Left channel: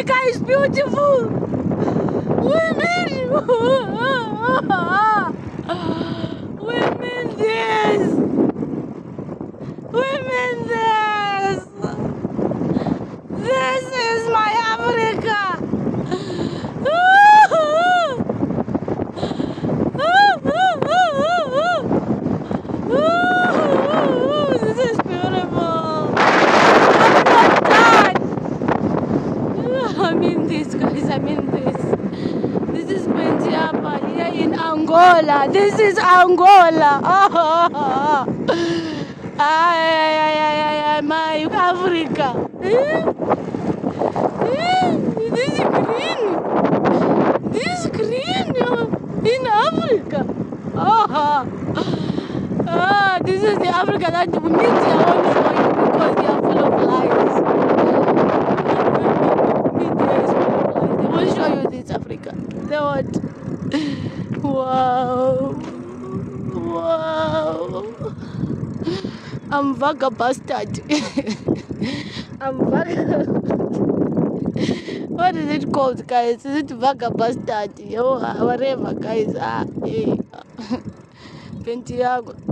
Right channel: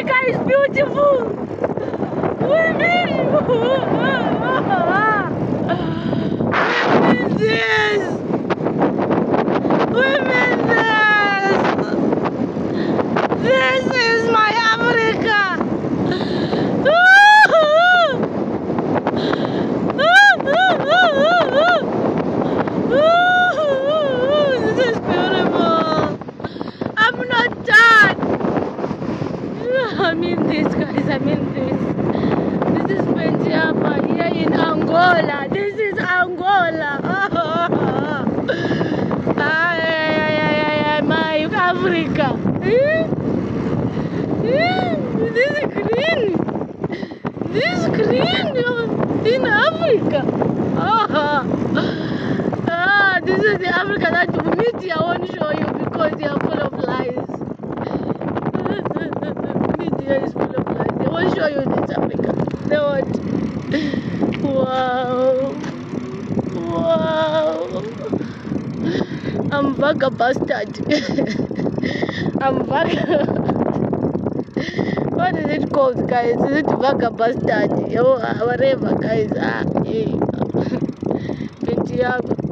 Africa is beautiful. Women. Women this. Women this. This is my Africa. This is beautiful. I'm not done. I mean this, guys. I mean this. This is Mentiapa here in Angola. This is Angola. My Africa. This is green. This is green in Africa. This is the Africa that media won't show you because they are full of lies. Media is full of lies. They won't show you this Africa. They won't. Wow. Wow. I'm vagabastard. I'm What is it called, guys? Is it vagabastard? Oh, whatever, guys. Hey. Pentiago.